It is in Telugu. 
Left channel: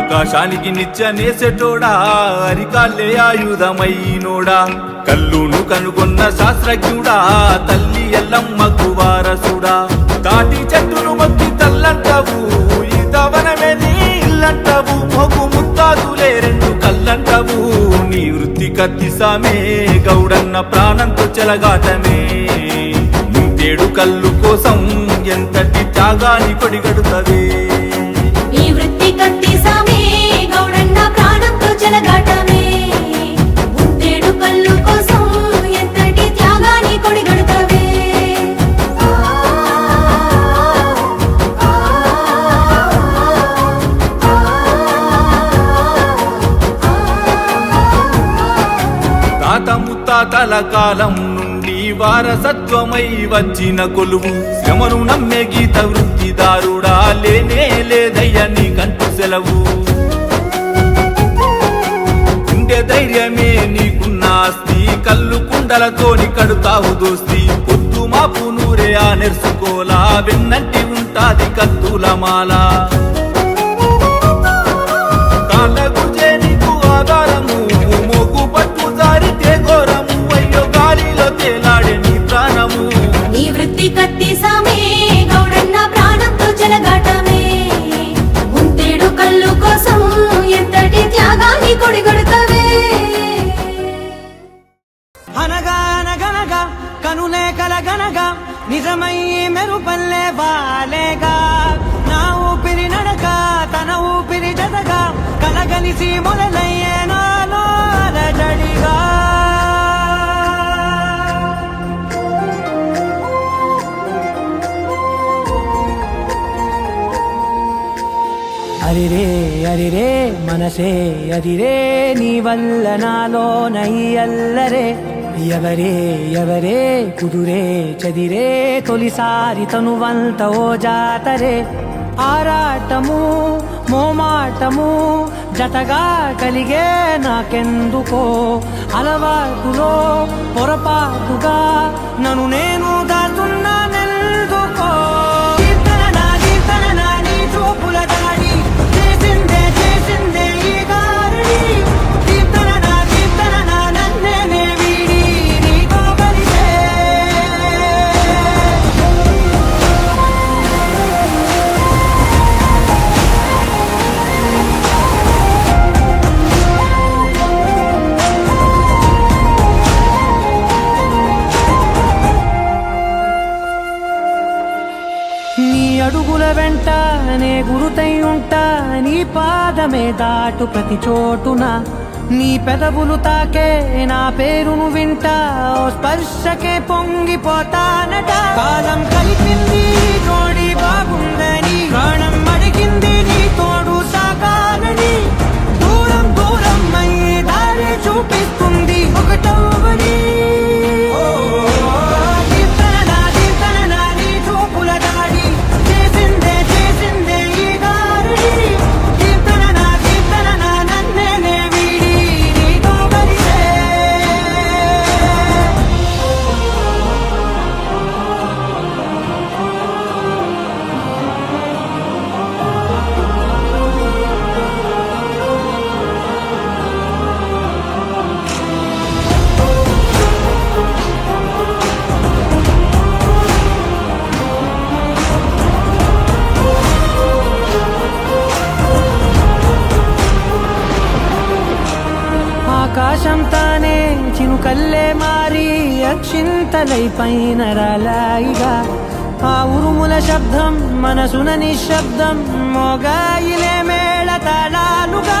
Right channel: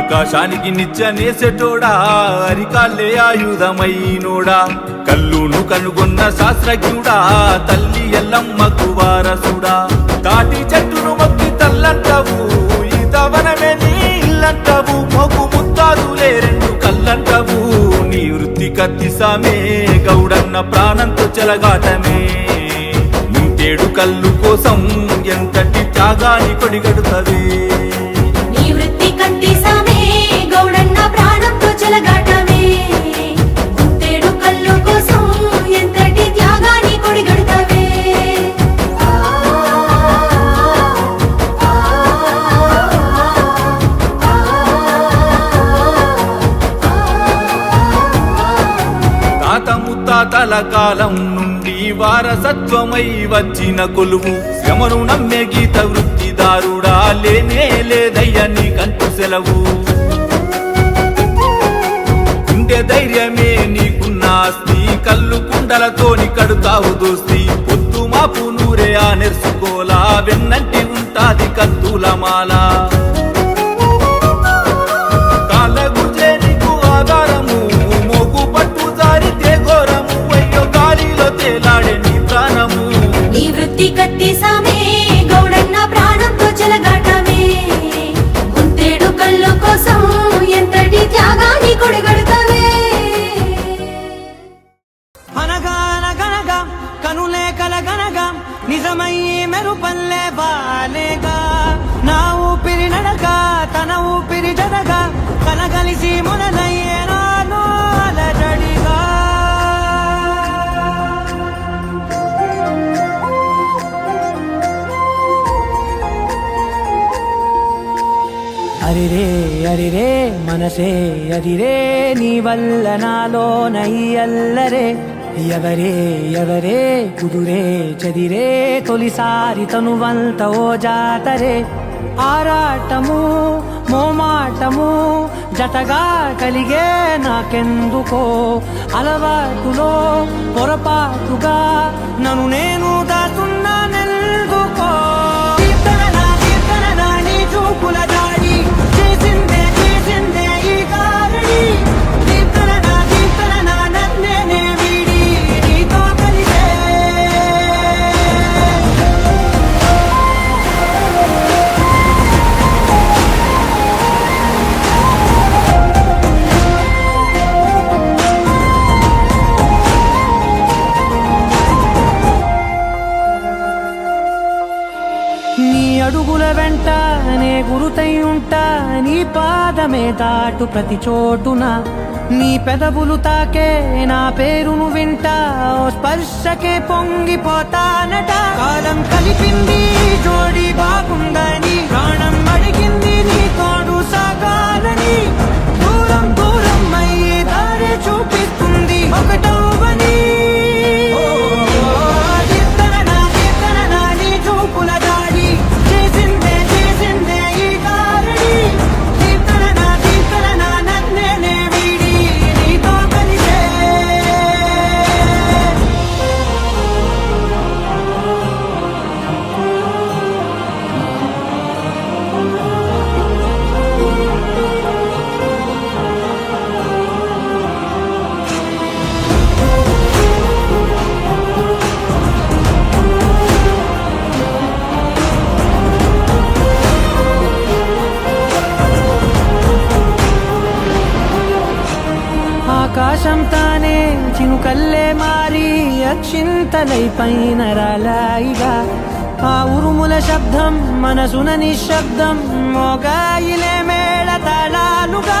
ఆకాశానికి నిత్యనేసెటోడా అరికాళ్ళే ఆయుధమైనోడా కల్లును కనుగొన్న శాస్త్రజ్ఞుడా తల్లి ఎల్లమ్మకు వారసుడా తాటి చెట్టును మొక్కి తల్లంటవు ఈతవనమే నీ ఇల్లంటవు మొగు ముత్తాదులే రెండు కల్లంటవు నీ వృత్తి కత్తిసామే గౌడన్న ప్రాణంతో చెలగాటమే ముంతేడు కల్లు కోసం ఎంతటి త్యాగాని కొడిగడుతవే నీ వృత్తి కత్తిసామే గౌడన్న ప్రాణంతో చెలగాటమే ముంతేడు కల్లు కోసం ఎంతటి త్యాగాని కొడిగడుతవే తాత ముత్తాతల కాలం నుండి వారసత్వమై వచ్చిన కొలువు శ్రమను నమ్మే గీత వృత్తిదారుడా లేనే లేదయ్య నీకంటూ సెలవు ఉండే ధైర్యమే నీకున్న ఆస్తి కల్లు కుండలతోని కడుతావు దోస్తి పొద్దు మాపు నూరే ఆ నెర్సుకోలా వెన్నంటి ఉంటాది కత్తుల మాల కాళ్ళ గుజే నీకు ఆధారము మోగు పట్టు జారితే ఘోరము అయ్యో గాలిలో తేలాడే నీ ప్రాణము నీ వృత్తి కత్తిసామే గౌడన్న ప్రాణంతో చెలగాటమే ముంతేడు కల్లు కోసం ఎంతటి త్యాగాని కొడిగడుతవే అనగా అనగనగా కనులే కలగనగా నిజమై మెరుపల్లే బాలేగా నా ఊపిరి నడగా తన ఊపిరి జనగా కనగలిసి మొదలయ్యే నాలో అలజడిగా అరిరే అరిరే మనసే అరిరే నీ వల్ల నాలో నయ్యల్లరే ఎవరే ఎవరే కుదురే చదిరే తొలిసారి తనువంత ఓ జాతరే ఆరాటము మోమాటము జతగా కలిగే నాకెందుకో అలవాటులో పొరపాటుగా నన్ను నేను దాటున్నానెందుకో నీ అడుగుల వెంట నే గురుతై ఉంటా నీ పాదమే దాటు ప్రతి చోటున నీ పెదవులు తాకే నా పేరును వింటా ఓ స్పర్శకే పొంగిపోతానట కాలం కలిపింది జోడి బాగుందని ప్రాణం అడిగింది నీ తోడు సాగాలని దూరం దూరం అయ్యి దారి చూపిస్తుంది ఒకటవని ఆకాశం తానే చినుకల్లే మారి అక్షింతలై పైన రాలాయిగా ఆ ఉరుముల శబ్దం మనసున నిశ్శబ్దం మోగాయిలే మేళ తాళాలుగా